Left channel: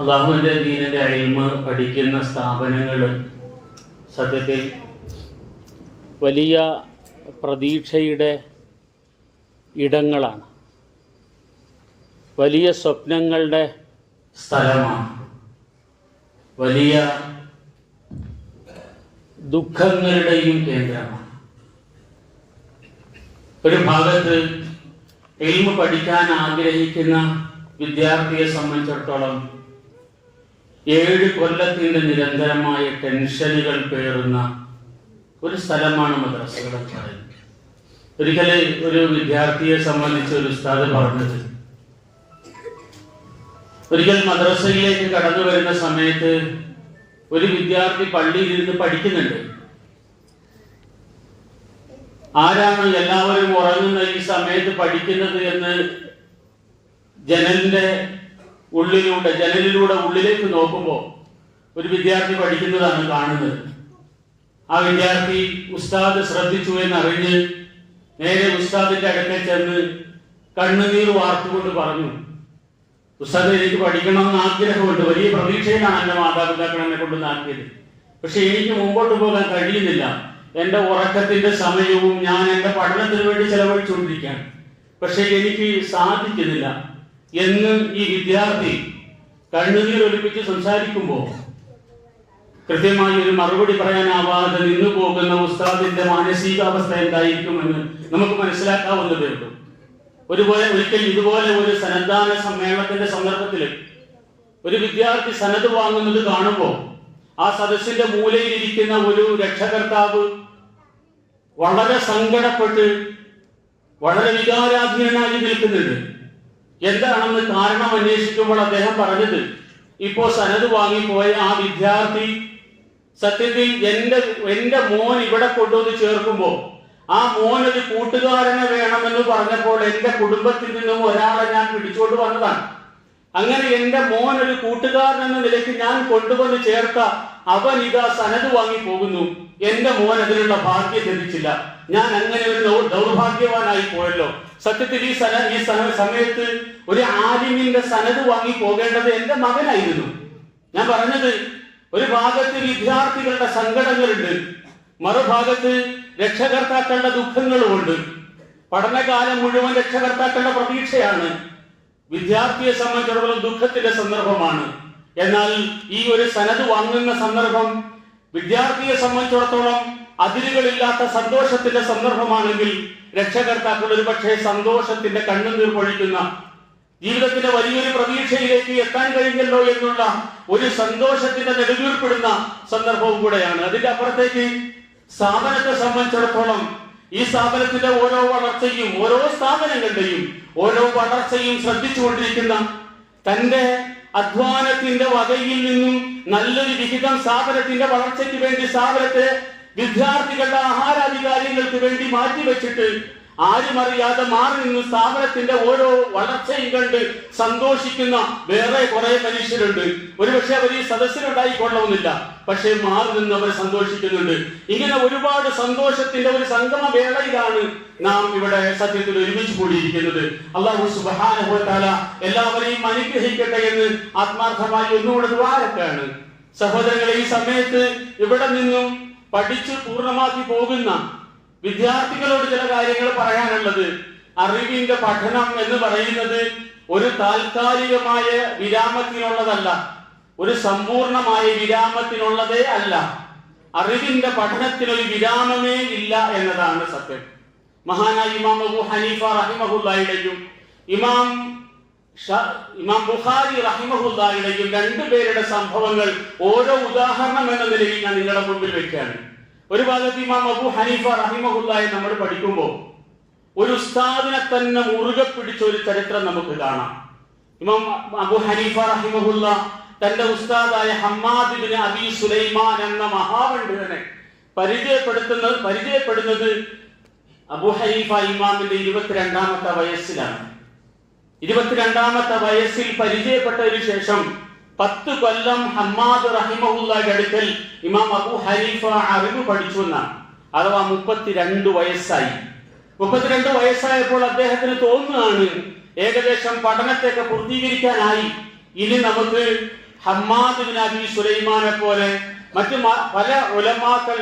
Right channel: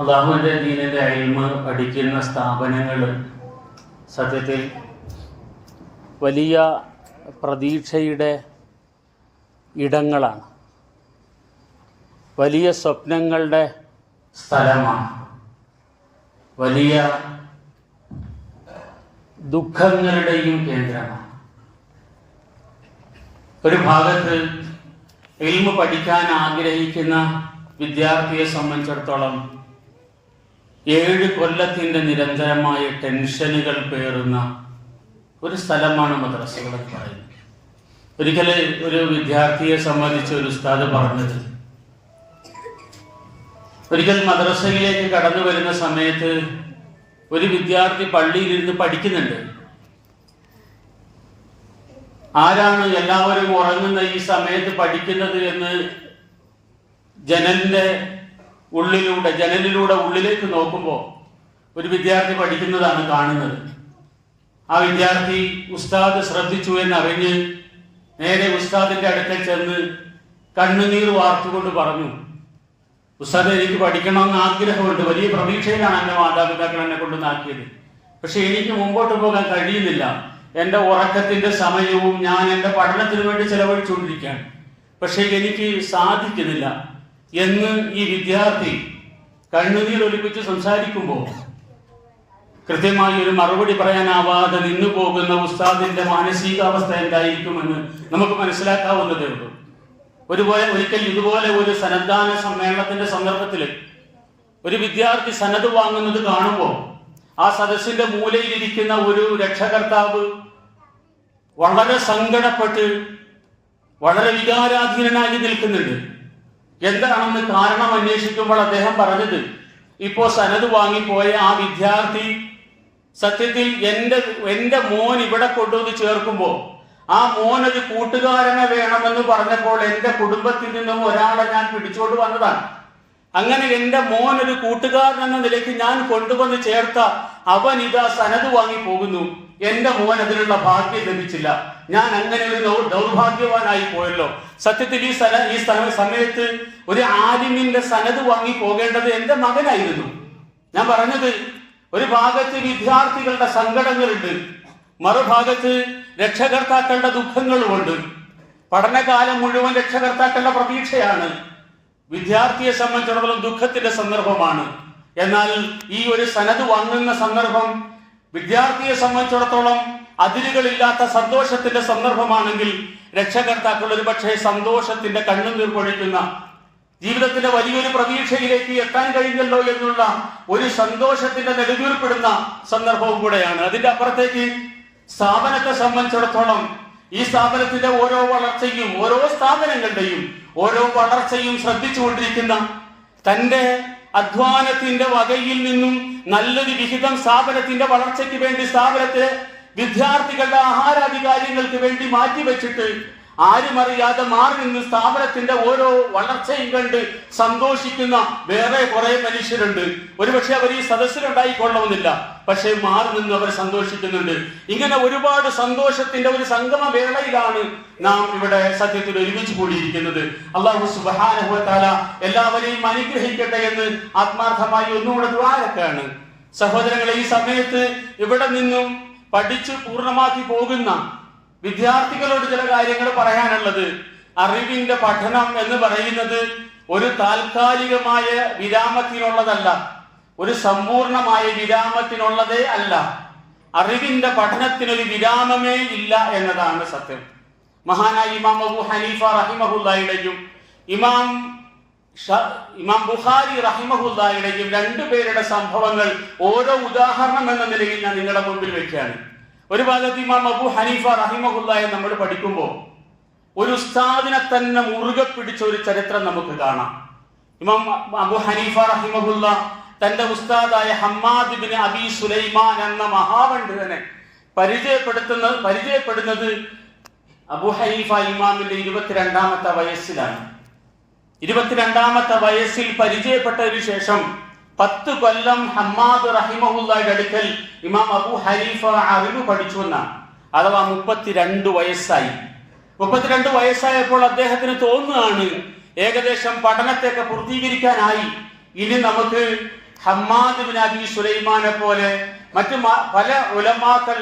അല്ലാഹുവിൻ്റെ ദീനിൻ്റെ ഇൽമ് പഠിക്കുന്ന സ്ഥാപനങ്ങൾ സത്യത്തിൽ വലിയ പ്രതീക്ഷയുടെ ഇടങ്ങളാണ്, വലിയ സ്വപ്നങ്ങളുടെ സ്ഥലമാണ്, വലിയ ദുഃഖങ്ങളുടെയും കേന്ദ്രമാണ്. ഒരു ഭാഗത്ത് ഇൽമ് പഠിക്കാൻ ആഗ്രഹിക്കുന്ന വിദ്യാർത്ഥിയെ സംബന്ധിച്ചിടത്തോളം 7 കൊല്ലത്തിൻ്റെ നിരന്തരമായ ടെൻഷനുകൾ പേറുന്ന ഒരു സ്ഥലമാണ് മദ്രസകൾ എന്ന് പറയുന്നത്. ഒരിക്കൽ ഒരു വിദ്യാർത്ഥിയെ സംബന്ധിച്ച് ഒരു ഉസ്താദ് പറഞ്ഞത്, ഒരിക്കൽ മദ്രസയിലേക്ക് കടന്നു വരുന്ന സമയത്ത് ഒരു വിദ്യാർത്ഥി പള്ളിയിലിരുന്ന് പഠിക്കുന്നുണ്ട്. ആരാണ് എല്ലാവരും ഉറങ്ങുന്ന ഈ സമയത്ത് പഠിക്കുന്നത് എന്ന് ജനലിലൂടെ ഉള്ളിലേക്ക് നോക്കുമ്പോൾ ഒരു വിദ്യാർത്ഥി പഠിക്കുന്നതാണ് കാണുന്നത്. ആ വിദ്യാർത്ഥി ഉസ്താദ് ശ്രദ്ധിച്ചു എന്നറിഞ്ഞ് നേരെ ഉസ്താദിന്റെ അടുക്കൽ ചെന്ന് കണ്ണുനീർ വാർത്തുകൊണ്ട് പറഞ്ഞു, ഉസ്താദ്, എനിക്ക് പഠിക്കണമെന്ന് ആഗ്രഹമുണ്ട്, വലിയ പ്രതീക്ഷയിലാണ് എൻ്റെ മാതാപിതാക്കൾ എന്നെ കൊണ്ടുവന്നാക്കിയത്. പക്ഷെ എനിക്ക് മുമ്പോട്ട് പോകാൻ കഴിയുന്നില്ല. എൻ്റെ ഉറക്കത്തിന്റെ സമയവും ഞാൻ എൻ്റെ പഠനത്തിന് വേണ്ടി ചെലവഴിച്ചുകൊണ്ടിരിക്കുകയാണ്, പക്ഷെ എനിക്ക് സാധിക്കുന്നില്ല എന്ന് ഈ വിദ്യാർത്ഥി കണ്ണുനീർ ഒലിപ്പിച്ച് സംസാരിക്കുമ്പോൾ കൃത്യമായി ഒരു മറുപടി പറയാനാവാതെ നിന്നു പോകുന്ന ഉസ്താദിന്റെ മാനസികാവസ്ഥ എന്തായിരിക്കുമെന്ന് നമുക്ക് മനസ്സിലാക്കാവുന്നതേ ഉള്ളൂ. ഒരിക്കൽ ഇതുപോലെ ഒരു സന്നദ്ധാന സമ്മേളനത്തിന്റെ സന്ദർഭത്തിൽ ഒരു വിദ്യാർത്ഥി സനത് വാങ്ങുന്നത് കാണുമ്പോൾ ആ സദസ്സിന്റെ മൂലയിലിരിക്കുന്ന ഒരു രക്ഷകർത്താവ് വളരെ സങ്കടപ്പെട്ട് വളരെ വികാരാധീനനായി നിൽക്കുന്നുണ്ട്. എന്താണെന്ന് കാരണം അന്വേഷിക്കുമ്പോൾ അദ്ദേഹം പറഞ്ഞത്, ഇപ്പോ സനത് വാങ്ങിപ്പോയ ആ വിദ്യാർത്ഥി സത്യത്തിൽ എന്റെ മോൻ ഇവിടെ കൊണ്ടുവന്ന് ചേർക്കുമ്പോൾ ആ മോനൊരു കൂട്ടുകാരനെ വേണമെന്ന് പറഞ്ഞപ്പോൾ എന്റെ കുടുംബത്തിൽ നിന്നും ഒരാളെ ഞാൻ പിടിച്ചോണ്ട് വന്നതാണ്. അങ്ങനെ എന്റെ മോൻ ഒരു കൂട്ടുകാരൻ എന്ന നിലയ്ക്ക് ഞാൻ കൊണ്ടുവന്ന് ചേർത്ത അവൻ ഇതാ സനത് വാങ്ങി പോകുന്നു. എന്റെ മോൻ അതിനുള്ള ഭാഗ്യം ലഭിച്ചില്ല. ഞാൻ അങ്ങനെ ഒരു ദൗർഭാഗ്യവാനായി പോയല്ലോ. സത്യത്തിൽ ഈ സമയത്ത് ഒരു ആലിമിന്റെ സനത് വാങ്ങി പോകേണ്ടത് എന്റെ മകനായിരുന്നു. ഞാൻ പറഞ്ഞത്, ഒരു ഭാഗത്ത് വിദ്യാർത്ഥികളുടെ സങ്കടങ്ങളുണ്ട്, മറുഭാഗത്ത് രക്ഷകർത്താക്കളുടെ ദുഃഖങ്ങളുമുണ്ട്. പഠനകാലം മുഴുവൻ രക്ഷകർത്താക്കളുടെ പ്രതീക്ഷയാണ്. വിദ്യാർത്ഥിയെ സംബന്ധിച്ചിടത്തോളം ദുഃഖത്തിന്റെ സന്ദർഭമാണ്. എന്നാൽ ഈ ഒരു സനത് വാങ്ങുന്ന സന്ദർഭം വിദ്യാർത്ഥിയെ സംബന്ധിച്ചിടത്തോളം അതിരുകളില്ലാത്ത സന്തോഷത്തിന്റെ സന്ദർഭമാണെങ്കിൽ രക്ഷകർത്താക്കൾ ഒരു പക്ഷേ സന്തോഷത്തിന്റെ കണ്ണുനീർ പൊഴിക്കുന്ന, ജീവിതത്തിന്റെ വലിയൊരു പ്രതീക്ഷയിലേക്ക് എത്താൻ കഴിഞ്ഞല്ലോ എന്നുള്ള ഒരു സന്തോഷത്തിന്റെ നെടുവീർപ്പെടുന്ന സന്ദർഭവും കൂടെയാണ്. അതിന്റെ അപ്പുറത്തേക്ക് സ്ഥാപനത്തെ സംബന്ധിച്ചിടത്തോളം ഈ സ്ഥാപനത്തിന്റെ ഓരോ വളർച്ചയും ഓരോ സ്ഥാപനങ്ങളുടെയും ഓരോ വളർച്ചയും ശ്രദ്ധിച്ചുകൊണ്ടിരിക്കുന്ന, തന്റെ അധ്വാനത്തിന്റെ വകയിൽ നിന്നും നല്ലൊരു വിഹിതം സ്ഥാപനത്തിന്റെ വളർച്ചയ്ക്ക് വേണ്ടി സ്ഥാപനത്തെ വിദ്യാർത്ഥികളുടെ ആഹാരാധികാരികൾക്ക് വേണ്ടി മാറ്റിവെച്ചിട്ട് ആരും അറിയാതെ മാറി നിന്ന് സ്ഥാപനത്തിന്റെ ഓരോ വളർച്ചയും കണ്ട് സന്തോഷിക്കുന്ന വേറെ കുറെ മനുഷ്യരുണ്ട്. ഒരുപക്ഷെ അവർ ഈ സദസ്സിലുണ്ടായിക്കൊള്ളണമെന്നില്ല, പക്ഷെ മാറി നിന്ന് അവർ സന്തോഷിക്കുന്നുണ്ട്. ഇങ്ങനെ ഒരുപാട് സന്തോഷത്തിന്റെ ഒരു സംഗമ വേളയിലാണ് നാം ഇവിടെ സത്യത്തിൽ ഒരുമിച്ച് കൂടിയിരിക്കുന്നത്. അല്ലാഹു സുബ്ഹാനഹു വ തആല എല്ലാവരെയും അനുഗ്രഹിക്കട്ടെ എന്ന് ആത്മാർത്ഥമായി ഒന്നുകൂടെ ദുആരക്കാണ്. സഹോദരങ്ങളെ, ഈ സമയത്ത് ഇവിടെ നിന്നും പഠിച്ച് പൂർണ്ണമാക്കി പോകുന്ന വിദ്യാർത്ഥികളോട് ചില കാര്യങ്ങൾ പറയാനുള്ളത്, അറിവിന്റെ പഠനം എന്ന് പറയുന്നത് ഒരു താൽക്കാലികമായ വിരാമത്തിനുള്ളതല്ല, ഒരു സമ്പൂർണമായ വിരാമത്തിനുള്ളതേ അല്ല. അറിവിന്റെ പഠനത്തിനൊരു വിരാമമേ ഇല്ല എന്നതാണ് സത്യം. മഹാനായ ഇമാം അബൂ ഹനീഫ റഹിമഹുല്ലാഹിയുടെയും ഇമാം ബുഖാരി റഹിമഹുല്ലാഹിയുടെയും രണ്ടുപേരുടെ സംഭവങ്ങൾ ഓരോ ഉദാഹരണം എന്ന നിലയിൽ ഞാൻ നിങ്ങളുടെ മുമ്പിൽ വെക്കുകയാണ്. ഒരു ഭാഗത്ത് ഇമാം അബൂ ഹനീഫ റഹിമഹുല്ലാഹി നമ്മൾ പഠിക്കുമ്പോൾ ഒരു ഉസ്താദിനെ തന്നെ മുറുകെ പിടിച്ച ഒരു ചരിത്രം നമുക്ക് കാണാം. ഇമാം അബൂ ഹനീഫ റഹിമഹുല്ല തന്റെ ഉസ്താദായ ഹമ്മാദ് ഇബ്നു അബീ സുലൈമാൻ എന്ന മഹാപണ്ഡിതനെ പരിചയപ്പെടുന്നത് അബൂ ഹനീഫ ഇമാമിന്റെ 22ാമത്തെ വയസ്സിലാണ്. 22ാമത്തെ വയസ്സിൽ പരിചയപ്പെട്ടതിനു ശേഷം 10 കൊല്ലം ഹമ്മാദ് റഹിമഹുല്ലാഹിയുടെ അടുക്കൽ ഇമാം അബൂ ഹനീഫ അറിവ് പഠിച്ചു എന്നാണ്. അഥവാ 32 വയസ്സായി. 32 വയസ്സായപ്പോൾ അദ്ദേഹത്തിന് തോന്നുകയാണ് ഏകദേശം പഠനത്തെയൊക്കെ പൂർത്തീകരിക്കാനായി, ഇനി നമുക്ക് ഹമ്മാദ് ബിൻ അബി സുലൈമാനെ പോലെ മറ്റു പല ഉലമാക്കൾ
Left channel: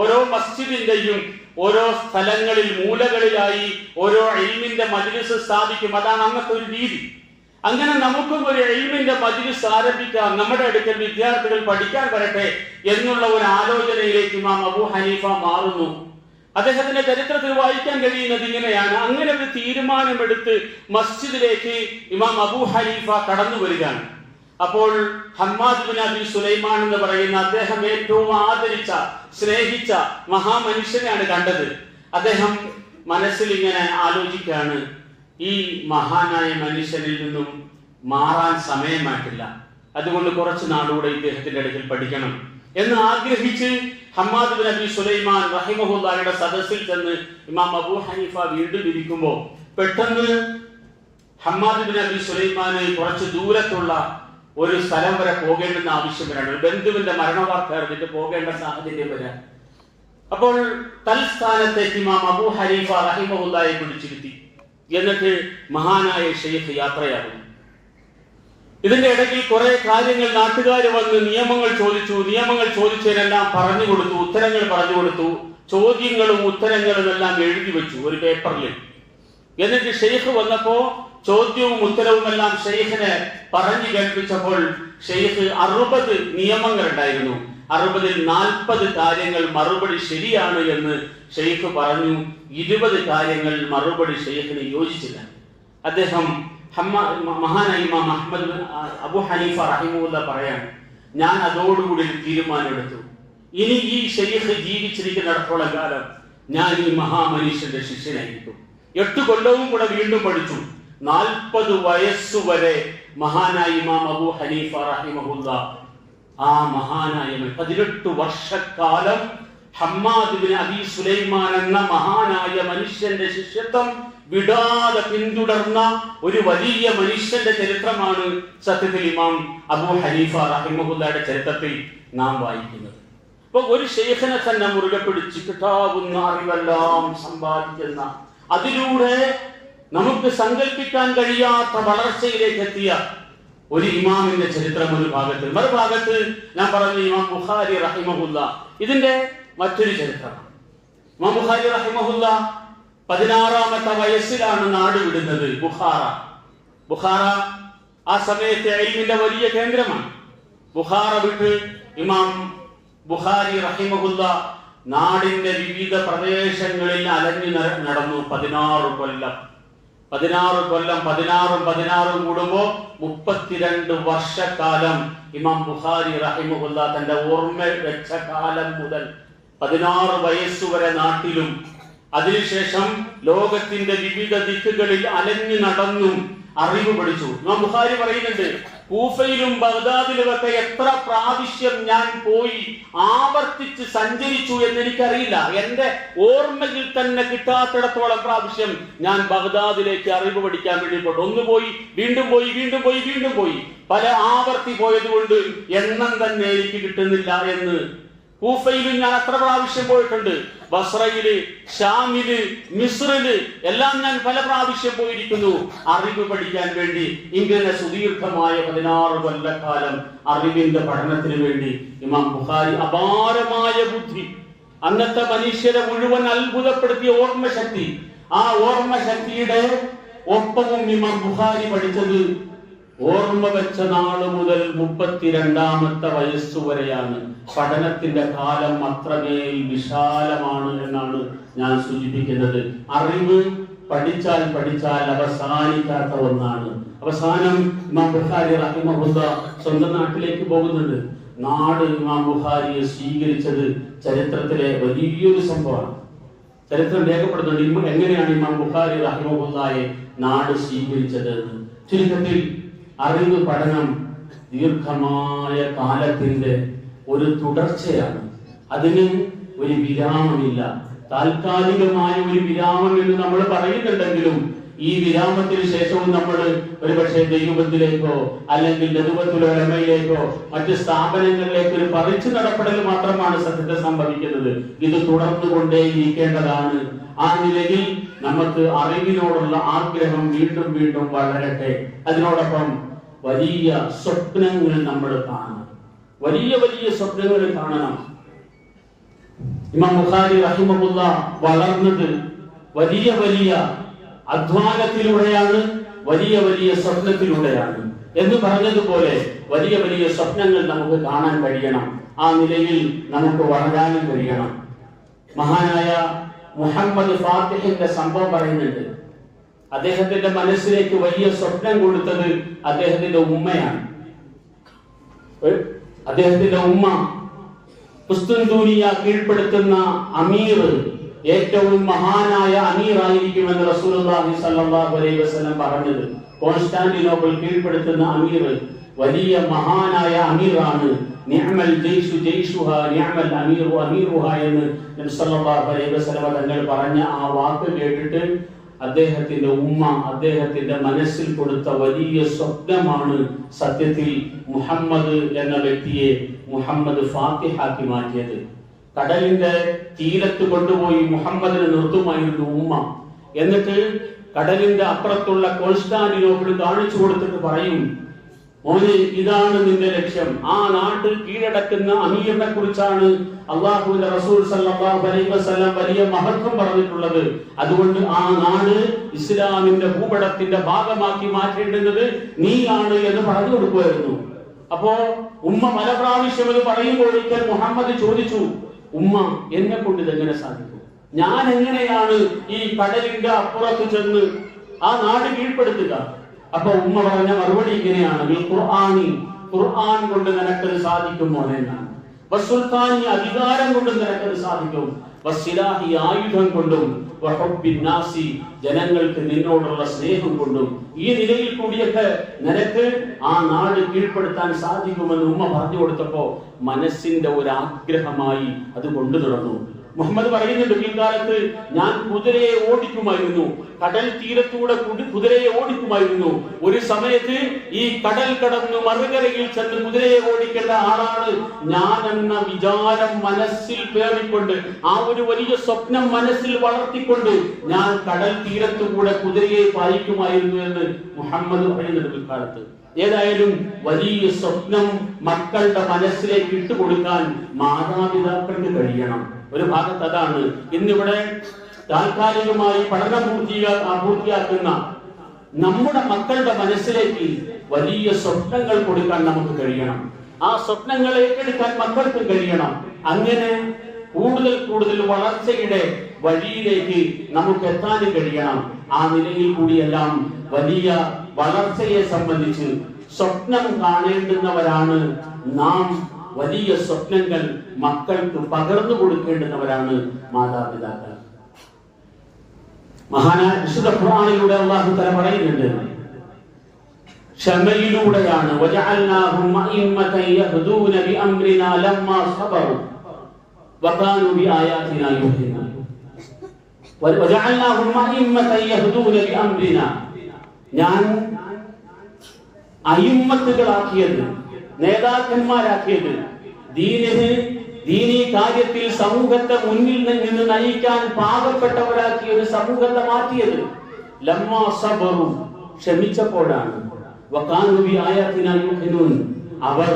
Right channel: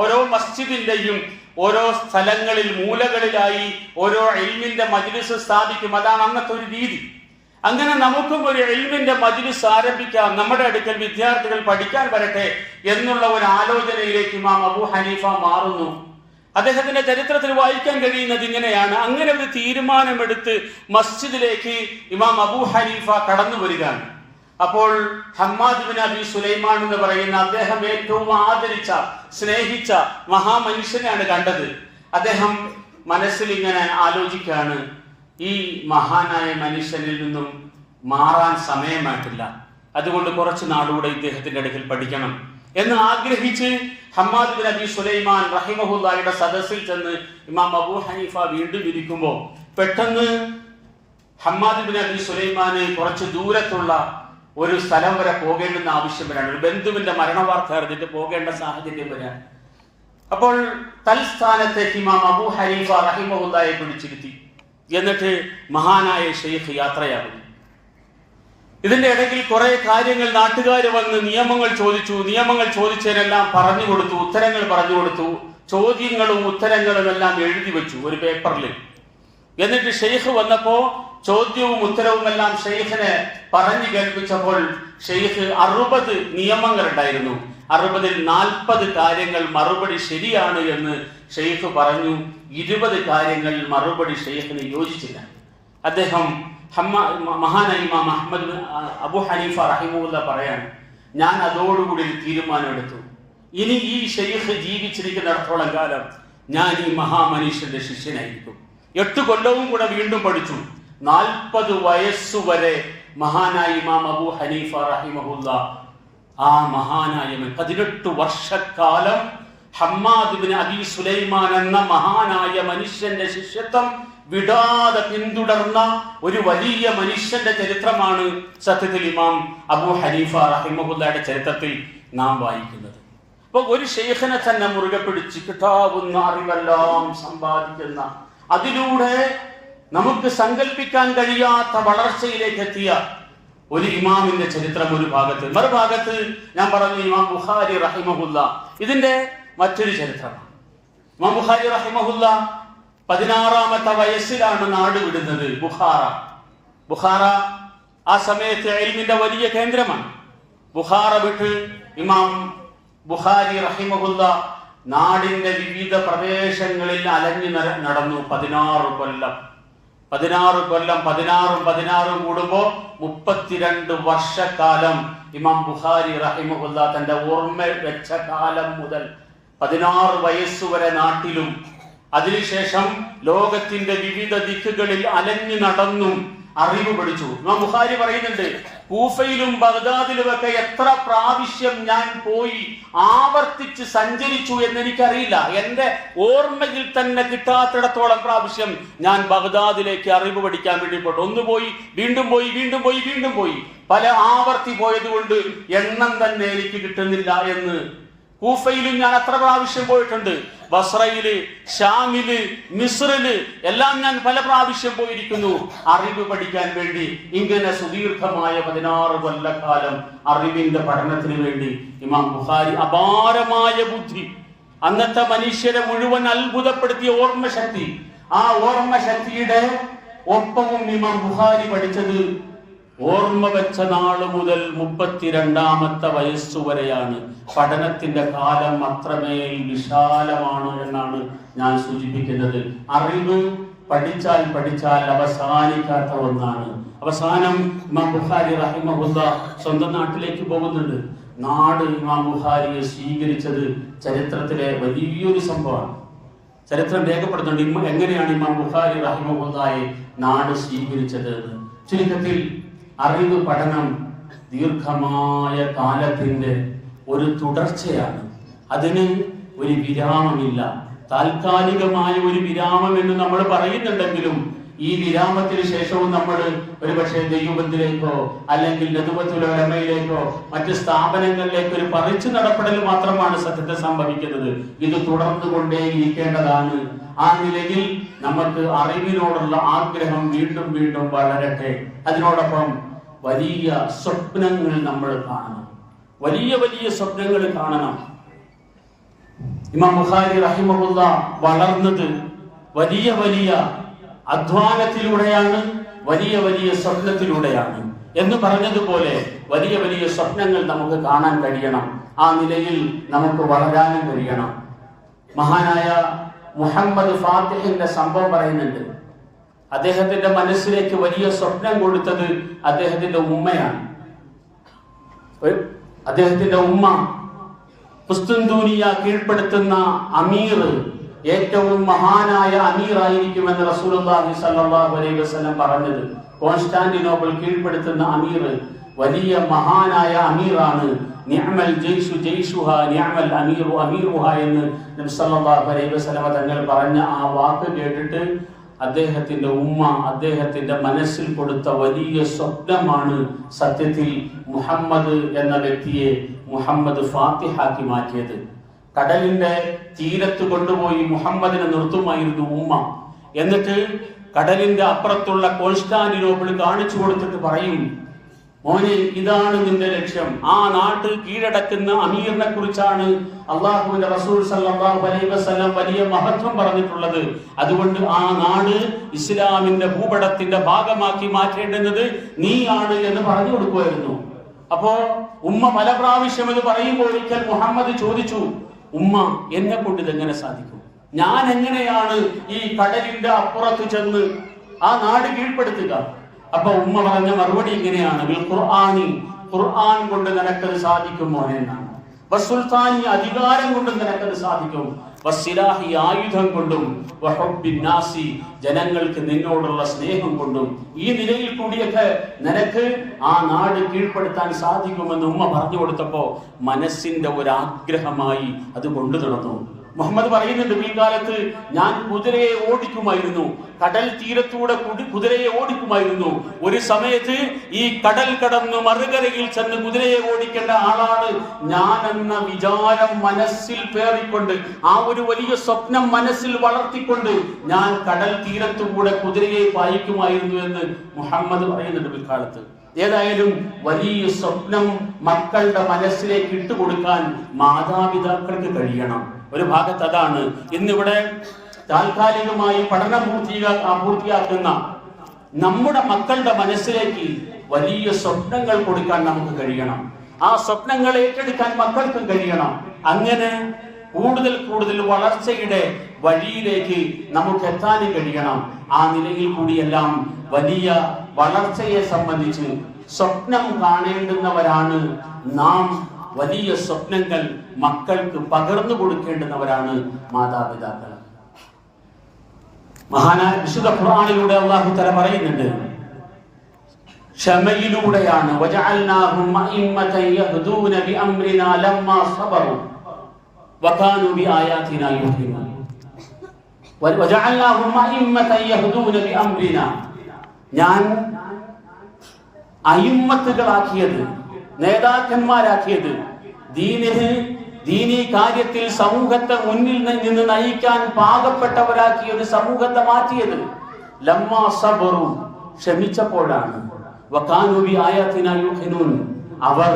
ഓരോ മസ്ജിദിന്റെയും ഓരോ സ്ഥലങ്ങളിൽ മൂലകളിലായി ഓരോ ഇൽമിന്റെ മജ്ലിസ് സ്ഥാപിക്കും. അതാണ് അന്നത്തെ ഒരു രീതി. അങ്ങനെ നമുക്കും ഒരു ഇൽമിന്റെ മജ്ലിസ് ആരംഭിക്കാം, നമ്മുടെ അടുക്കൽ വിദ്യാർത്ഥികൾ പഠിക്കാൻ വരട്ടെ എന്നുള്ള ഒരു ആലോചനയിലേക്ക് ഇമാം അബൂ ഹനീഫ മാറുന്നു. അദ്ദേഹത്തിന്റെ ചരിത്രത്തിൽ വായിക്കാൻ കഴിയുന്നത് ഇങ്ങനെയാണ്. അങ്ങനെ ഒരു തീരുമാനമെടുത്ത് മസ്ജിദിലേക്ക് ഇമാം അബൂ ഹനീഫ കടന്നു വരികയാണ്. അപ്പോൾ ഹമ്മാദ് ബിൻ അബി സുലൈമാൻ എന്ന് പറയുന്ന അദ്ദേഹം ഏറ്റവും ആദരിച്ച സ്നേഹിച്ച മഹാമനുഷ്യനെയാണ് കണ്ടത്. അദ്ദേഹം മനസ്സിൽ ഇങ്ങനെ ആലോചിക്കുകയാണ്, ഈ മഹാനായ മനുഷ്യനിൽ നിന്നും മാറാൻ സമയമായിട്ടില്ല, അതുകൊണ്ട് കുറച്ച് നാളുകൂടെ ഇദ്ദേഹത്തിന്റെ അടുക്കൽ പഠിക്കണം എന്ന് ആഗ്രഹിച്ച് ഹമ്മാദ് ബിൻ അബി സുലൈമാൻ റഹിമഹുല്ലാഹിയുടെ സദസ്സിൽ ചെന്ന് ഇമാം അബൂ ഹനീഫ വീണ്ടും ഇരിക്കുമ്പോൾ പെട്ടെന്ന് ഹമ്മാദ് ബിൻ അബി സുലൈമാന് കുറച്ച് ദൂരത്തുള്ള ഒരു സ്ഥലം വരെ പോകേണ്ടെന്ന് ആവശ്യം വരാണ്. ഒരു ബന്ധുവിന്റെ മരണവാർത്ത അറിഞ്ഞിട്ട് പോകേണ്ട സാഹചര്യം വരാൻ. അപ്പോൾ തൽസ്ഥാനത്തേക്ക് ഇമാം അബൂ ഹനീഫ റഹിമഹുല്ലാഹയെ വിളിച്ചിരുത്തി. എന്നിട്ട് മഹാനായ ഷെയ്ഖ് യാത്രയാകുന്നു. ഇതിന്റെ ഇടയ്ക്ക് കുറെ കാര്യങ്ങൾ നാട്ടുകാർ വന്ന് നിയമങ്ങൾ ചോദിച്ചു. നിയമങ്ങൾ ചോദിച്ചതിനെല്ലാം പറഞ്ഞു കൊടുത്തു, ഉത്തരങ്ങൾ പറഞ്ഞു കൊടുത്തു. ചോദ്യങ്ങളും ഉത്തരങ്ങളും എല്ലാം എഴുതി വെച്ചു ഒരു പേപ്പറിൽ. എന്നിട്ട് ഷെയ്ഖ് വന്നപ്പോ ചോദ്യവും ഉത്തരവും എല്ലാം ഷെയ്ഖിനെ പറഞ്ഞു കേൾപ്പിച്ചപ്പോൾ ഷെയ്ഖ് 60 നിയമങ്ങൾ ഉണ്ടായിരുന്നു. 60-ൽ 40 കാര്യങ്ങൾ മറുപടി ശരിയാണ് എന്ന് ഷെയ്ഖ് പറഞ്ഞു. 20 കാര്യങ്ങൾ മറുപടി ഷെയ്ഖിന് യോജിച്ചില്ല. അദ്ദേഹം മഹാനായ ഇമാം അബൂ ഹനീഫ റഹിമഹുല്ലാ പറയാൻ, ഞാൻ അതോടുകൂടി ഒരു തീരുമാനമെടുത്തു, ഇനി ഈ ഷെയ്ഖ് ജീവിച്ചിരിക്കുന്നിടത്തോളം കാലം ഞാൻ ഈ മഹാമനുഷ്യന്റെ ശിഷ്യനായിരിക്കും. 8 കൊല്ലവും കൂടെ വീണ്ടും പഠിച്ചു. 40 വയസ്സുവരെ മഹാനായ ഇമാം അബൂ ഹനീഫ റഹിമഹുല്ലാ ആ മഹാനായ 18 വർഷക്കാലം ഹമ്മാദ് ബിൻ അബി സുലൈമാൻ എന്ന മഹാനായ മനുഷ്യന്റെ ശിഷ്യത്വം വിടാതെ പിന്തുടർന്ന ഒരു വലിയ മനുഷ്യന്റെ ചരിത്രമാണ് സത്യത്തിൽ ഇമാം അബൂ ഹനീഫ റഹിമഹുല്ലായുടെ ചരിത്രത്തിൽ നാം വായിക്കുന്നത്. അപ്പൊ ഒരു ഷെയ്ഖിനെ തന്നെ മുറുകെ പിടിച്ച് കിട്ടാവുന്ന അറിവെല്ലാം സമ്പാദിക്കുന്ന, അതിലൂടെ നമുക്ക് സങ്കല്പിക്കാൻ കഴിയാത്ത വളർച്ചയിലേക്ക് എത്തിയ ഒരു ഇമാമിന്റെ ചരിത്രം ഒരു ഭാഗത്ത്. മറുഭാഗത്ത് ഞാൻ പറഞ്ഞു ഇമാം ബുഖാരി റഹിമഹുല്ല. ഇതിന്റെ മറ്റൊരു ചരിത്രമാണ്. ഇമാം ബുഖാരി റഹിമഹുല്ല 16ാമത്തെ വയസ്സിലാണ് നാട് വിടുന്നത്. ബുഖാറ ആ സമയത്തെ ഇൽമിന്റെ വലിയ കേന്ദ്രമാണ്. ബുഖാറ വിട്ട് ഇമാം ബുഖാരി റഹിമഹുല്ല നാടിന്റെ വിവിധ പ്രദേശങ്ങളിൽ അലഞ്ഞു നടന്നു. 16 കൊല്ലം 16 കൂടുമ്പോ 32 വർഷക്കാലം ഇമാം ബുഖാരി റഹിമഹുല്ല തന്റെ ഓർമ്മ വെച്ച കാലം മുതൽ 16 വയസ്സുവരെ നാട്ടിലും അതിനുശേഷം ലോകത്തിന്റെ വിവിധ ദിക്കുകളിൽ അലഞ്ഞു നടന്നും അറിവ് പഠിച്ചു. ഇമാം ബുഖാരി പറയുന്നുണ്ട്, കൂഫയിലും ബഗ്ദാദിലുമൊക്കെ എത്ര പ്രാവശ്യം ഞാൻ പോയി ആവർത്തിച്ച് സഞ്ചരിച്ചു എന്ന് എനിക്കറിയില്ല. എന്റെ ഓർമ്മയിൽ തന്നെ കിട്ടാത്തിടത്തോളം പ്രാവശ്യം ഞാൻ ബഗ്ദാദിലേക്ക് അറിവ് പഠിക്കാൻ വേണ്ടി പോയി. ഒന്ന് പോയി, വീണ്ടും പോയി, വീണ്ടും പോയി, വീണ്ടും പോയി. പല ആവർത്തി പോയത് കൊണ്ട് എണ്ണം തന്നെ എനിക്ക് കിട്ടുന്നില്ല എന്ന്. കൂഫയിലും ഞാൻ അത്ര പ്രാവശ്യം പോയിട്ടുണ്ട്. ബസ്രയില്, ഷാമില്, മിസ്രില് എല്ലാം ഞാൻ പല പ്രാവശ്യം പോയിരിക്കുന്നു അറിവ് പഠിക്കാൻ വേണ്ടി. ഇങ്ങനെ സുദീർഘമായ 16 കൊല്ലക്കാലം അറിവിന്റെ പഠനത്തിന് വേണ്ടി ഇമാം ബുഖാരി അപാരമായ ബുദ്ധി, അന്നത്തെ മനുഷ്യരെ മുഴുവൻ അത്ഭുതപ്പെടുത്തിയ ഓർമ്മശക്തി, ആ ഓർമ്മശക്തിയുടെ ഒപ്പവും ഇമാം ബുഖാരി പഠിച്ചത് ഓർമ്മ വെച്ച നാള് മുതൽ 32ാമത്തെ വയസ്സുവരെയാണ്. പഠനത്തിന്റെ കാലം അത്രമേൽ വിശാലമാണ് എന്നാണ് ഞാൻ സൂചിപ്പിക്കുന്നത്. അറിവ് പഠിച്ചാൽ അവസാനിക്കാത്ത ഒന്നാണ്. അവസാനം ഇമാം ബുഖാരി റഹിമഹുല്ല സ്വന്തം നാട്ടിലേക്ക് പോകുന്നുണ്ട്. നാട് ഇമാം ബുഖാരിയെ സ്വീകരിച്ചത് ചരിത്രത്തിലെ വലിയൊരു സംഭവമാണ്. ചരിത്രം രേഖപ്പെടുന്നുണ്ട് എങ്ങനെയാണ് ഇമാം ബുഖാരി റഹിമഹുല്ലയെ നാട് സ്വീകരിച്ചത്. ചുരുക്കത്തിൽ അറിവ് പഠനം ദീർഘമായ കാലത്തിന്റെ ഒരു തുടർച്ചയാണ്. അതിന് ഒരു വിരാമമില്ല. താൽക്കാലികമായ ഒരു വിരാമം എന്ന് നമ്മൾ പറയുന്നുണ്ടെങ്കിലും ഈ വിരാമത്തിന് ശേഷവും നമ്മൾ ഒരുപക്ഷെ ദൈവത്തിലേക്കോ അല്ലെങ്കിൽ നദുവത്തുൽ ഉലമയിലേക്കോ മറ്റ് സ്ഥാപനങ്ങളിലേക്ക് ഒരു പറിച്ചു നടപ്പെടൽ മാത്രമാണ് സത്യത്തിൽ സംഭവിക്കുന്നത്. ഇത് തുടർന്നുകൊണ്ടേയിരിക്കേണ്ടതാണ്. ആ നിലയിൽ നമുക്ക് അറിവിനോടുള്ള ആഗ്രഹം വീണ്ടും വീണ്ടും വളരട്ടെ. അതിനോടൊപ്പം വലിയ സ്വപ്നങ്ങൾ നമ്മൾ കാണണം, വലിയ വലിയ സ്വപ്നങ്ങൾ കാണണം. ഇമാം ബുഖാരി റഹിമഹുല്ലാഹ് വളർന്നത് വലിയ വലിയ അധ്വാനത്തിലൂടെയാണ്, വലിയ വലിയ സ്വപ്നത്തിലൂടെയാണ് എന്ന് പറഞ്ഞതുപോലെ വലിയ വലിയ സ്വപ്നങ്ങൾ നമുക്ക് കാണാൻ കഴിയണം. ആ നിലയിൽ നമുക്ക് വളരാനും കഴിയണം. മഹാനായ മുഹമ്മദ് ഫാത്തിഹിന്റെ സംഭവം പറയുന്നുണ്ട്. അദ്ദേഹത്തിന്റെ മനസ്സിലേക്ക് വലിയ സ്വപ്നം കൊടുത്തത് അദ്ദേഹത്തിന്റെ ഉമ്മയാണ്. അദ്ദേഹത്തിന്റെ ഉമ്മ കുസ്തുൻദൂനിയ കീഴ്പ്പെടുത്തുന്ന അമീർ ഏറ്റവും മഹാനായ അമീറായിരിക്കുമെന്ന് റസൂലുള്ളാഹി സ്വല്ലല്ലാഹു അലൈഹി വസല്ലം പറഞ്ഞത്. കോൺസ്റ്റാന്റിനോപ്പിൾ കീഴ്പ്പെടുത്തുന്ന അമീർ വലിയ മഹാനായ അമീറാണ്. നിഅമൽ ജയ്ഷു ജയ്ഷുഹാ നിഅമൽ അമീറു അമീറുഹാ എന്ന് നബി സല്ലല്ലാഹു അലൈഹി വസല്ലം തങ്ങൾ പറഞ്ഞ ആ വാക്ക് കേട്ടിട്ട് അദ്ദേഹത്തിന്റെ ഉമ്മ അദ്ദേഹത്തിന്റെ മനസ്സിൽ കൊടുത്ത വലിയ സ്വപ്നമാണ് സത്യത്തിൽ മുഹമ്മദ് എന്ന വ്യക്തിയെ മുഹമ്മദ് ഫാത്തിഹാക്കി മാറ്റിയത്. കടലിന്റെ തീരത്ത് കൊണ്ടുപോയി മുഹമ്മദിനെ നിർത്തുമായിരുന്നു ഉമ്മ. എന്നിട്ട് കടലിന്റെ അപ്പുറത്തുള്ള കോൺസ്റ്റാന്റിനോപ്പിൾ കാണിച്ചു കൊടുത്തിട്ട് പറയും, മോനെ, ഇതാണ് നിന്റെ ലക്ഷ്യം. ആ നാട് കീഴടക്കുന്ന അമീറിനെ കുറിച്ചാണ് അള്ളാഹുവിന്റെ റസൂൽ സല്ലല്ലാഹു അലൈഹി വസല്ലം വലിയ മഹത്വം പറഞ്ഞിട്ടുള്ളത്. അതുകൊണ്ട് ആ നാട് ഇസ്ലാമിന്റെ ഭൂപടത്തിന്റെ ഭാഗമാക്കി മാറ്റേണ്ടുന്നത് നീയാണ് എന്ന് പറഞ്ഞു കൊടുക്കുമായിരുന്നു. അപ്പോ ഉമ്മ പല പ്രാവശ്യം ഇത് പറയുമ്പോൾ ഒരിക്കൽ മുഹമ്മദ് ചോദിച്ചു, ഉമ്മ, എന്നെ കൊണ്ട് ഇതെങ്ങനെ സാധിക്കും? ഞാൻ എങ്ങനെയാണ് ഈ കടലിന്റെ അപ്പുറത്ത് ചെന്ന് ആ നാട് കീഴ്പ്പെടുത്തുക? അപ്പൊ ഉമ്മ പറഞ്ഞ മറുപടി ഇങ്ങനെയാണ്, ഖുർആൻ കൊണ്ട് നിനക്കത് സാധിക്കും മോനെ എന്നാണ്. വസുൽത്താനി, അധികാരം കൊണ്ട് നിനക്കത് സാധിക്കും. വസ്സിലാഹി, ആയുധം കൊണ്ടും. വഹുബ്ബിന്നാസി, ജനങ്ങൾക്ക് നിന്നോടുള്ള സ്നേഹം കൊണ്ടും. ഈ നിലയിൽ കൂടിയൊക്കെ നിനക്ക് ആ നാട് കീഴ്പ്പെടുത്താൻ സാധിക്കുമെന്ന് ഉമ്മ പറഞ്ഞു കൊടുത്തപ്പോ മനസ്സിന്റെ ഒരാഗ്രഹമായി അത് കൊണ്ടു നടന്നു. മുഹമ്മദ് പറയുന്നുണ്ട്, പിൽക്കാലത്ത് ഞാൻ കുതിരയെ ഓടിക്കുമായിരുന്നു, കടൽ തീരത്തൂടെ കുതിരയെ ഓടിക്കുമായിരുന്നു. ഒരു സമയത്ത് ഈ കടൽ കടന്ന് മറുകരയിൽ ചെന്ന് കുതിരയെ ഓടിക്കേണ്ട ആളാണ് ഞാൻ എന്ന വിചാരം മനസ്സിൽ പേറിക്കൊണ്ട്, ആ ഒരു വലിയ സ്വപ്നം മനസ്സിൽ വളർത്തിക്കൊണ്ട് ഞാൻ കടൽ തീരത്തുകൂടെ കുതിരയെ പായിക്കുമായിരുന്നു എന്ന് മുഹമ്മദ് പറയുന്നുണ്ട് പിൽക്കാലത്ത്. ഏതായാലും വലിയ സ്വപ്നം മക്കളുടെ മനസ്സിലേക്ക് ഇട്ടുകൊടുക്കാൻ മാതാപിതാക്കൾക്ക് കഴിയണം. ഒരു ഭാഗത്ത് അതാണ്. ഇന്നിവിടെ താൽക്കാലികമായി പഠനം പൂർത്തിയാക്കുന്ന നമ്മുടെ മക്കളുടെ മനസ്സിലേക്ക് വലിയ സ്വപ്നങ്ങൾ കൊടുക്കാൻ നമുക്ക് കഴിയണം. ആ സ്വപ്നങ്ങൾ ഏറ്റെടുക്കാൻ മക്കൾക്കും കഴിയണം. അങ്ങനെ കൂടുതൽ കൂടുതൽ വളർച്ചയുടെ വഴിയിലേക്ക് നമുക്ക് എത്താനും കഴിയണം. ആ നിലയിൽ കൂടിയെല്ലാം വലിയ വളർച്ചയെ സംബന്ധിച്ച് സ്വപ്നം കാണേണ്ടുന്നവരാണ് നാം. വലിയ സ്വപ്നങ്ങൾ മക്കൾക്ക് പകർന്നു കൊടുക്കേണ്ടുന്നവരാണ് മാതാപിതാക്കൾ. മഹാനായ വിശുദ്ധ ഖുർആനിലൂടെ അല്ലാഹു തആല പറയുന്നുണ്ട്, ക്ഷമയിലൂടെയാണ് വജഅൽനാഹും അഇമ്മതൻ യഹ്ദൂന ബിഅംരിനാ ലമ്മാ സബറു വകാനൂ ബിആയാതിനാ യുഖിനൂൻ. വജഅൽനാഹും അഇമ്മതൻ യഹ്ദൂന ബിഅംരിനാ, ഞാൻ അയിമ്മത്തുകളാക്കിയത്, നേതാക്കന്മാരാക്കിയത്, ദീനി കാര്യത്തിൽ സമൂഹത്തെ മുന്നിൽ നിന്ന് നയിക്കാൻ പാകപ്പെട്ടവരാക്കിയ ഒരു സമൂഹത്തെ മാറ്റിയത് ലമ്മാ സബറു, ക്ഷമിച്ചപ്പോഴാണ്. വകാനൂ ബിആയാതിനാ യുഖിനൂൻ, അവർ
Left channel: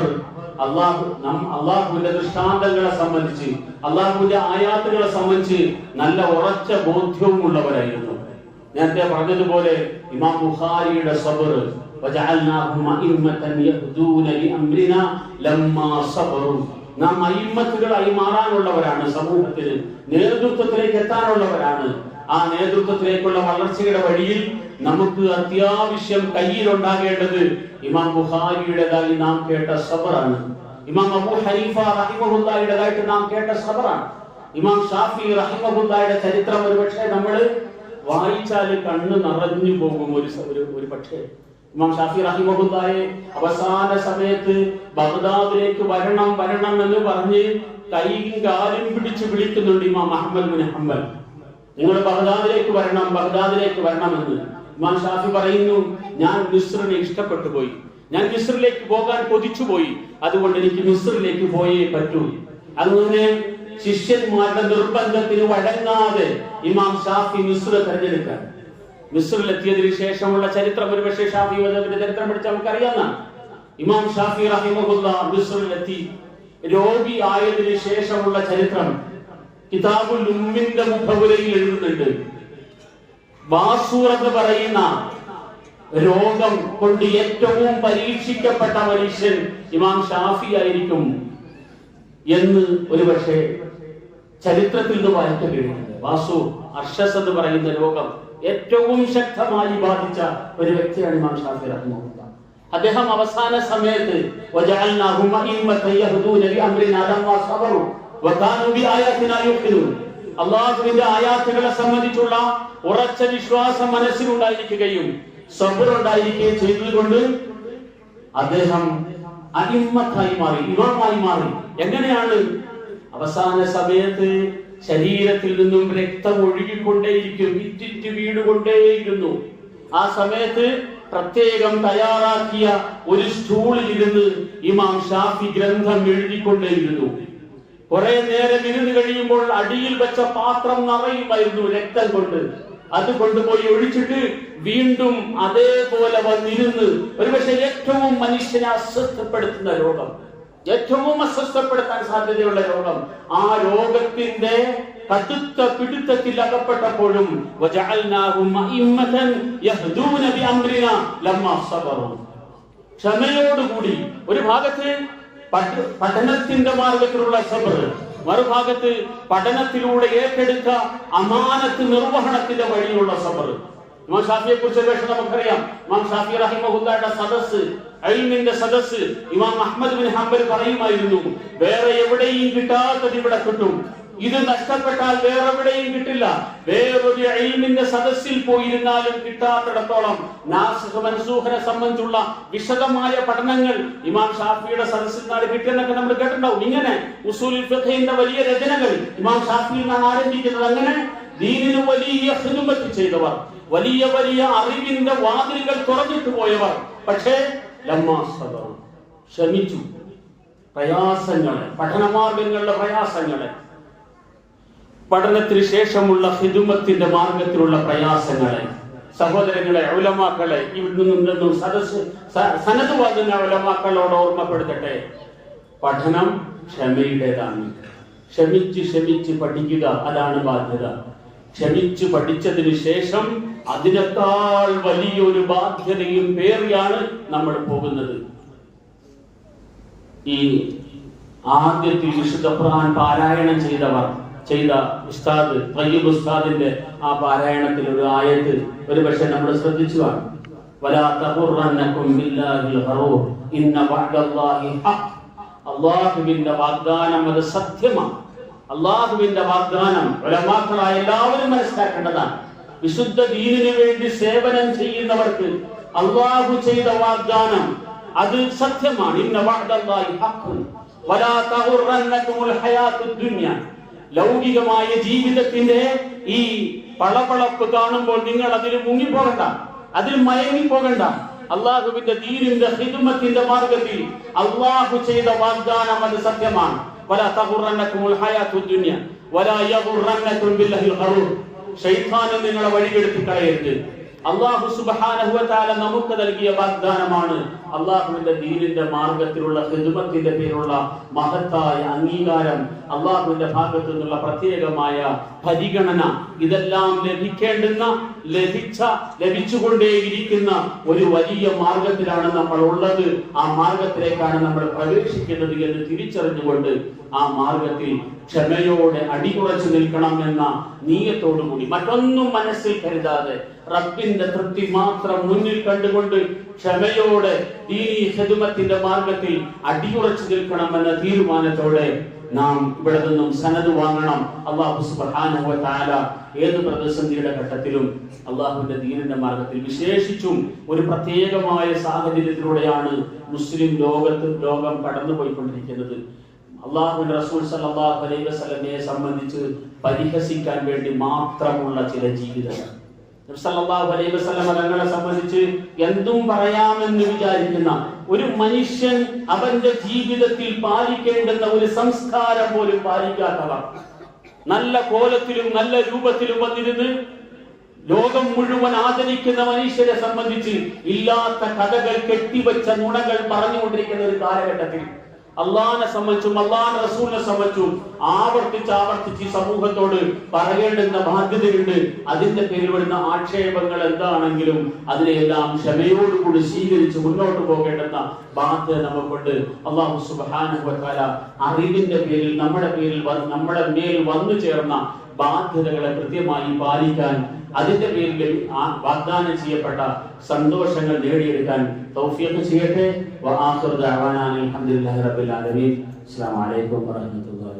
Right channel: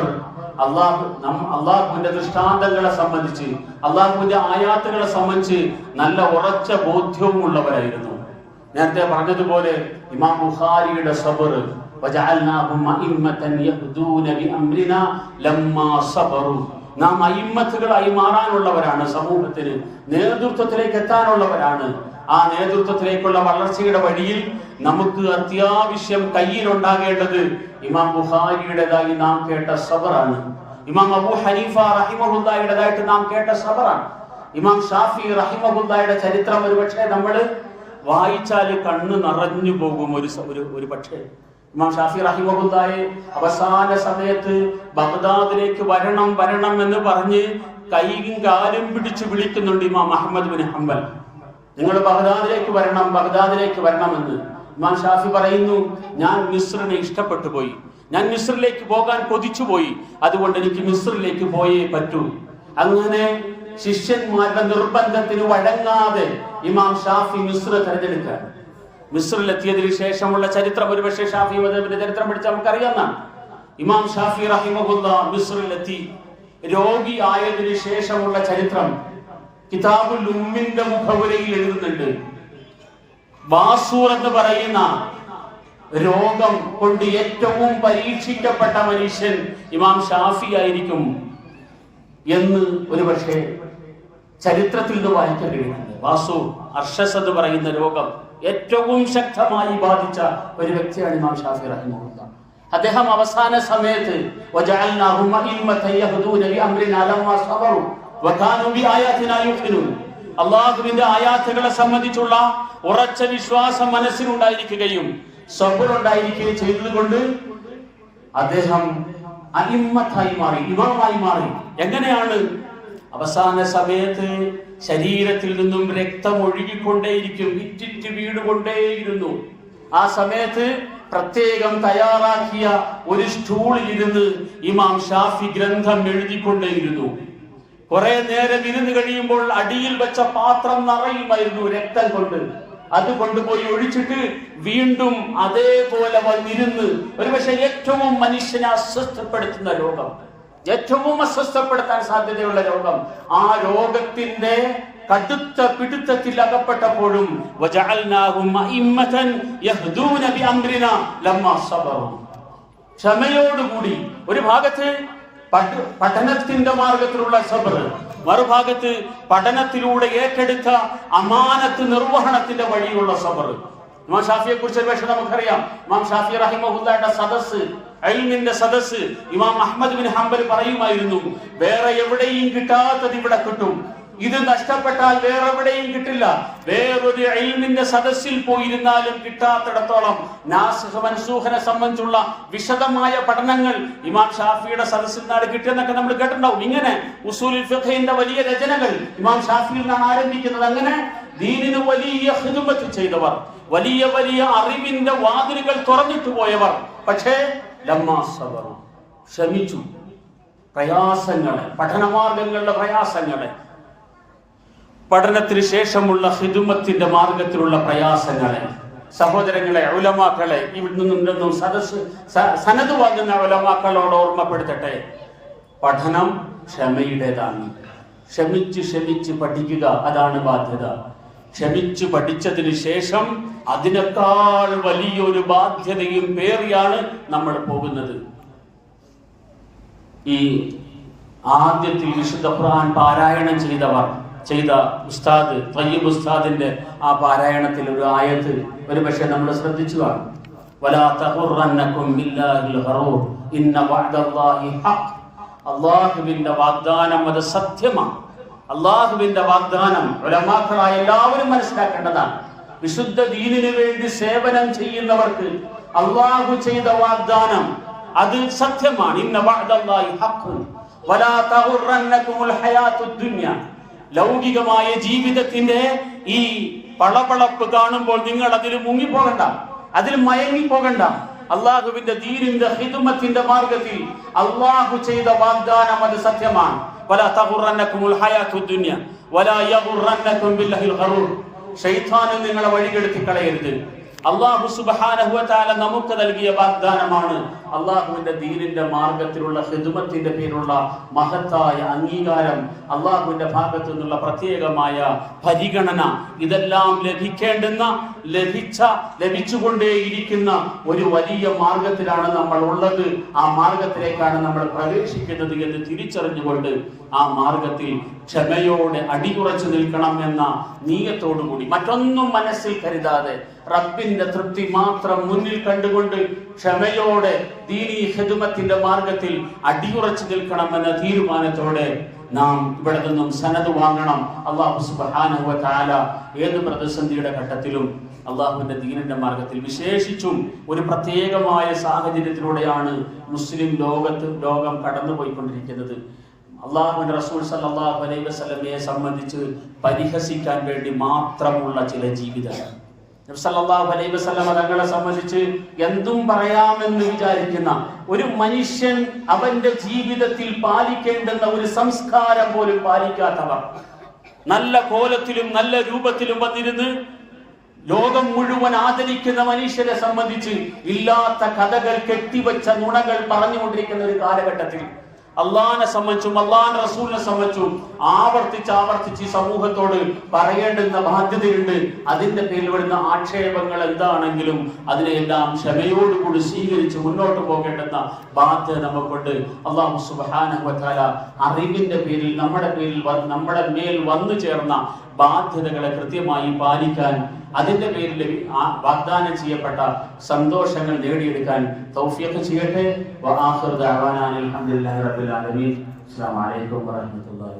അള്ളാഹുവിന്റെ ദൃഷ്ടാന്തങ്ങളെ സംബന്ധിച്ച്, അള്ളാഹുവിന്റെ ആയാത്തുകളെ സംബന്ധിച്ച് നല്ല ഉറച്ച ബോധ്യവും ഉള്ളവരായിരുന്നു. നേരത്തെ പറഞ്ഞതുപോലെ ഇമാം ബുഖാരിയുടെ സബർ, വജഅൽനാഹും അഇമ്മതൻ യഹ്ദൂന ബിഅംരിനാ ലമ്മാ സബറു, നാം അയിമ്മത്തുകളായി മാറാനുള്ളവരാണ്, സമൂഹത്തിന് നേതൃത്വത്തിലേക്ക് എത്താനുള്ളവരാണ്. ആ നേതൃത്വത്തിലേക്കുള്ള വളർച്ചയുടെ വഴിയിൽ നമുക്ക് അത്യാവശ്യം കയ്യിലുണ്ടാകേണ്ടത് ഇമാം ബുഖാരിയുടേതായി നാം കേട്ട സബറാണ്. ഇമാം അബൂ ഹനീഫ റഹിമഹുല്ലാഹിയുടേതായിട്ട് നാം കേട്ട സബറാണ്. ഇമാം ഷാഫി റഹിമഹുല്ലാഹിയുടെ ചരിത്രം ഒരുപക്ഷെ നമ്മൾ വായിച്ചാൽ കണ്ണ് നിറഞ്ഞു പോകും. ഒരു പക്ഷേ ഇമാം ഷാഫി റഹിമഹുല്ലാഹി അവസാന സമയത്ത് ബഗ്ദാദിലേക്ക് വരണം എന്ന് പറഞ്ഞ് കൈയും കാലും പിടിച്ച് വിളിക്കുന്നുണ്ട് ഇമാം അഹ്മദ് ബിൻ ഹംബൽ. നിങ്ങൾ ബഗ്ദാദിലേക്ക് വരണമെന്ന്. ഇമാം ഷാഫി പറയുന്നു, ഞാൻ മിസ്റിനെ ഇഷ്ടപ്പെട്ടു പോയി, ഞാൻ മിസ്റിലേക്ക് പോകാൻ കൊതിച്ചുപോയി, അതുകൊണ്ട് എനിക്ക് മിസ്റിലേക്ക് പോയേ പറ്റൂ. അങ്ങനെ ശിഷ്യന്മാരുടെ നിർബന്ധത്തിന് വഴങ്ങാതെ ഇമാം ഷാഫി മിസ്ർ തെരഞ്ഞെടുക്കാൻ. മിസ്റിലെത്തിയതിനു ശേഷമുള്ള ചരിത്രം ഒരുപക്ഷെ ഷാഫി മദ്ഹബിന്റെ ചരിത്രം പഠിച്ചാൽ നമുക്കറിയാവുന്നതാണ്. ഇമാം ഷാഫി റഹിമഹുല്ലാ മിസ്റിലെത്തി രോഗി ആയതിനു ശേഷമുള്ള ചരിത്രം കിതാബുൽ ഉമ്മിന്റെ മുഖവുരയിൽ എഴുതുന്നുണ്ട്. ബാസൂർ എന്ന് പറയുന്ന രോഗം കൊണ്ട് ഏറ്റവും പരീക്ഷിക്കപ്പെട്ട മനുഷ്യൻ ഇമാം ഷാഫി ആയിരിക്കും എന്ന് ഒരുപക്ഷെ ചരിത്രത്തിൽ നിന്ന് വായിക്കാൻ കഴിയുന്നുണ്ട്. ബാസൂർ അർഷസ് എന്ന് പറയുന്ന രോഗം ഏറ്റവും ശക്തമായി ബാധിച്ച ഒരു വ്യക്തിയാണ് ഇമാം ഷാഫി റഹിമഹുല്ലാ. അദ്ദേഹം അവസാന സമയത്ത് അള്ളാഹുവിന്റെ ആയാത്തുകളെ സംബന്ധിച്ചുള്ള ഉറച്ച വിശ്വാസം മനസ്സിലുണ്ടായിരിക്കുകയും സബറുണ്ടായിരിക്കുകയും ചെയ്തതുകൊണ്ട് അദ്ദേഹം അലിമ്മത്തായി മാറി, ഇമാമായി മാറി. എങ്ങനെയാണ്? അവസാന സമയത്ത് ശരീരത്തിൽ നിന്നും രക്തം ഒഴുകിക്കൊണ്ടേയിരിക്കും, ഇറ്റിറ്റ് വീടുകൊണ്ടേയിരുന്നു. ആ സമയത്ത് പ്രത്യേകം തയ്യാറാക്കിയ ഒരു സ്റ്റൂളിൽ ഇരുന്ന് ഇമാം ഷാഫി ഗ്രന്ഥം എഴുതിക്കൊണ്ടേയിരുന്നു. കുറെ നേരം ഇരുന്ന് കഴിയുമ്പോൾ അടിയിൽ വെച്ച പാത്രം നിറയുമായിരുന്നു രക്തം കൊണ്ട്. അത് കൊണ്ടുപോയി ഒഴിച്ചിട്ട് വീണ്ടും അതേപോലെ വന്നിരുന്ന് ഒരുപക്ഷെ ഏറ്റവും മനുഷ്യനെ അസ്വസ്ഥപ്പെടുത്തുന്ന രോഗം, ഏറ്റവും അസ്വസ്ഥപ്പെടുത്താൻ സാധ്യതയുള്ള രോഗം, ആ രോഗത്തിന്റെ കടുത്ത പിടുത്തത്തിൽ അകപ്പെട്ടപ്പോഴും ക്ഷമയോടുകൂടി ഒരു ഭാഗത്ത് പഠനത്തിന്റെ മാർഗത്തിലുള്ള സബർ, മറുഭാഗത്ത് പഠനത്തിലൂടെ ഏറ്റെടുത്ത അമാനത്ത് നിർവഹണത്തിന്റെ വഴിയുള്ള സബർ. ഇമാം ഷാഫിയെ കുറിച്ച് ഒരു പക്ഷേ നമുക്കറിയാം. ഇമാം ഷാഫി റഹിമഹുല്ലായുടെ സദസ്സ്, ഇൽമിന്റെ സദസ്സ്, ഇമാം അഹ്മദ് ബിൻ ഹംബൽ പറയുമായിരുന്നു, വേറെ എവിടെയും കിട്ടാത്തത് ഇവിടെ കിട്ടും, ഇത് നഷ്ടപ്പെട്ടാൽ വേറെ എവിടെയും കിട്ടില്ല. വേറൊരു ഇൽമിന്റെ സദസ്സിൽ പോയിരുന്നാലും കിട്ടാത്തിടത്തോളം നാസിഖ് മൻസൂഖിനെ സംബന്ധിച്ചുള്ള വിശദമായ പഠനങ്ങൾ ഇമാം ഷാഫിയുടെ സദസ്സിൽ നിന്നാണ് കിട്ടിയെന്നൊക്കെ നമ്മൾ കേട്ടിട്ടുണ്ടാവും. ഇങ്ങനെ ഉസൂലുൽ ഫിഖ്ഹിന്റെ വലിയ രചനകൾ ഇമാം ഷാഫിയിൽ നിന്നാണ് ആരംഭിക്കുന്നത്. അങ്ങനെ ദീനിന് വലിയ ഖിദ്മത്ത് ചെയ്തവർ, വലിയ വലിയ അറിവിന്റെ വാതിലുകൾ തുറന്നിട്ട് പോയവർ. പക്ഷേ ലമ്മാ സബറു, ക്ഷമിച്ചു. പ്രയാസങ്ങളെ, പഠനമാർഗങ്ങളുടെ പ്രയാസങ്ങളെ, പഠനത്തിന് ശേഷമുള്ള ഖിദ്മത്തിന്റെ മാർഗത്തിലുള്ള പ്രയാസങ്ങളെ, സഹോദരങ്ങളെ, ഉലമാക്കളെ, ഇവിടെ നിന്നും സനദ് വാങ്ങുന്ന ഉലമാക്കളോട് ഓർമ്മപ്പെടുത്തട്ടെ, പഠനം ക്ഷമയുടേതാണ്. ക്ഷമിച്ച് ക്ഷമിച്ച് പഠിക്കുക, അതാണ് ബാധ്യത. ക്ഷമിച്ചു പഠിച്ചതിന് ശേഷം അതിനേക്കാൾ വലിയൊരു ബാധ്യതയും പേറിയാണ് നമ്മൾ പോകുന്നത്. ഈ ആദ്യത്തിൽ വിശുദ്ധ ഖുർആൻ പാരായണം ചെയ്ത ഉസ്താദ് തയ്യിബ് ഉസ്താദിന്റെ ആ പാരായണത്തിൽ ഒരു ആയത്ത് ഒരു പക്ഷേ നമ്മൾ ശ്രദ്ധിച്ചു കാണും. വലാ തഖുറന്നകും ബില്ലാഹിൽ ഖറൂർ ഇന്ന വഅദല്ലാഹി ഹഖ്. അല്ലാഹുവിന്റെ വാഗ്ദാനം അത് സത്യമാണ്. അല്ലാഹുവിന്റെ വാഗ്ദാനം ഉലമാക്കളായ എല്ലാവരും മനസ്സിലാക്കേണ്ടതാണ്. വിശുദ്ധ ദീനിനു വേണ്ടി സേവനം ചെയ്യുന്നവർക്ക് അല്ലാഹു ചെയ്ത വാഗ്ദാനം അത് സത്യമാണ്. ഇന്ന വഅദല്ലാഹി ഹഖ് വലാ തഖുറന്നകുൽ ഹയാത്തുദ് ദുനിയ. ലൗകികമായ ജീവിതത്തിന്റെ ഈ പളപളപ്പ് കാണുമ്പോൾ നിങ്ങൾ അതിൽ മുങ്ങിപ്പോകണ്ട, അതിൽ മയങ്ങിപ്പോകണ്ട. അള്ളാഹുവിന്റെ ദീനിന്റെ ഖിദ്മത്തിന്റെ മാർഗത്തിൽ അള്ളാഹു ചെയ്ത വാഗ്ദാനം അത് സത്യമാണ്. വലാ തഖുറന്നകുൽ ഹയാത്തുദ് ദുനിയ വലാ യഗുറന്നകും ബില്ലാഹിൽ ഖറൂർ. ശൈത്താൻ നിങ്ങളെ വഴികെടുത്തി കളയരുത്. അല്ലാഹു സുബ്ഹാനഹു വ തആല നമുക്ക് നൽകിയ വാഗ്ദാനമാണ് അല്ലാഹുവിന്റെ ദീനിന്റെ മാർഗത്തിലുള്ള ഖിദ്മത്തിന്റെ പേരുള്ള മഹത്തായ അംഗീകാരം, അല്ലാഹുവിന്റെ ഭാഗത്തു നിന്നുള്ള പ്രത്യേകമായ പരിഗണന. ഇതെല്ലാം ലഭിച്ചുകൊണ്ടേയിരിക്കുന്ന ഒരു വലിയ മാർഗത്തിലാണ് നമ്മൾ ഉള്ളത്. ആ മാർഗത്തിലേക്കാണ് നമ്മൾ പ്രവേശിക്കുന്നത് എന്ന് തിരിച്ചറിഞ്ഞുകൊണ്ട് ആ മാർഗത്തിൽ ക്ഷമയോടെ അടിയുറച്ചു നിൽക്കണം എന്ന നീയത്തോടുകൂടി, മറ്റൊന്നും മനസ്സിൽ കരുതാതെ റബ്ബിന്റെ തൃപ്തി മാത്രം മുന്നിൽ കണ്ടുകൊണ്ട് ക്ഷമയോടെ ദീനീ ഖിദ്മത്തിന്റെ മാർഗത്തിൽ അടിയുറച്ചു നിൽക്കണം എന്ന തീരുമാനത്തോടെ നാം ഇവിടെ നിന്നും സനദ് വാങ്ങണം. അല്ലാഹു സുബ്ഹാനഹു വ തആല ഏത് പ്രതിസന്ധിയുടെ ഘട്ടത്തിലും അള്ളാഹുവിന്റെ ദീനിന്റെ മാർഗത്തിൽ, വിശേഷിച്ചും ഒരു പ്രത്യേകമായ സാഹചര്യത്തിലൂടെയാണ് മുസ്ലിം ലോകം കടന്നുപോയിക്കൊണ്ടിരിക്കുന്നത്. അള്ളാഹുവിന്റെ റസൂൽ സല്ലല്ലാഹു അലൈഹി വസല്ലമയെ സംബന്ധിച്ച് പരിഹസിക്കാൻ വേണ്ടി മാത്രമുള്ള ചില ജീവിതങ്ങൾ, നബി സല്ലല്ലാഹു അലൈഹി വസല്ലമ തങ്ങളെ സംബന്ധിച്ച് എന്തും പറയാമെന്ന് വിചാരിക്കുന്ന ഒരു മനുഷ്യൻ അവന്റെ ജീവിതത്തിൽ പാലിക്കേണ്ടുന്ന ഒരു സംസ്കാരം പോലും പാലിക്കാത്തവർ, നല്ല കോലത്തിലും നല്ല രൂപത്തിലും വന്നിരുന്ന് ലോകം മുഴുവൻ ആദരിക്കുന്ന മനുഷ്യരെ സംബന്ധിച്ച് ഇല്ലാത്ത കഥകൾ കെട്ടിവെച്ച നുണകൾ പറഞ്ഞുകൊണ്ടിരിക്കുന്ന ഒരു കാലഘട്ടത്തിൽ അള്ളാഹിനെ സംബന്ധിച്ചും അള്ളാഹിന്റെ റസൂലിനെ സംബന്ധിച്ചും ആവർത്തിച്ച് ഈ സമൂഹത്തോട് പറയേണ്ടുന്ന ബാധ്യതയുണ്ട്. അതിന്റെ പേരിൽ വരുന്ന ആക്ഷേപങ്ങൾ എന്താണെങ്കിലും അതിനെല്ലാം ക്ഷമയോടുകൂടി സ്വീകരിച്ച് മുന്നോട്ട് പോകേണ്ടുന്ന ബാധ്യത നമുക്കുണ്ട്. അല്ലാഹു സുബ്ഹാനഹു വ തആല അറിവിന്റെ പേരിൽ നമ്മുടെ മേൽ വന്നു ചേർന്ന ബാധ്യതകളെ കൃത്യമായി പാലിക്കാൻ, അതിന്റെ പേരിൽ വാഗ്ദാനം ചെയ്യപ്പെട്ട സന്തോഷങ്ങൾ നേടിയെടുക്കാൻ തൗഫീഖ് ചെയ്യട്ടെ. വആഖിറു ദഅവാനാ അൽഹംദുലില്ലാഹി റബ്ബിൽ ആലമീൻ. അസ്സലാമു അലൈക്കും വറഹ്മത്തുള്ളാഹി.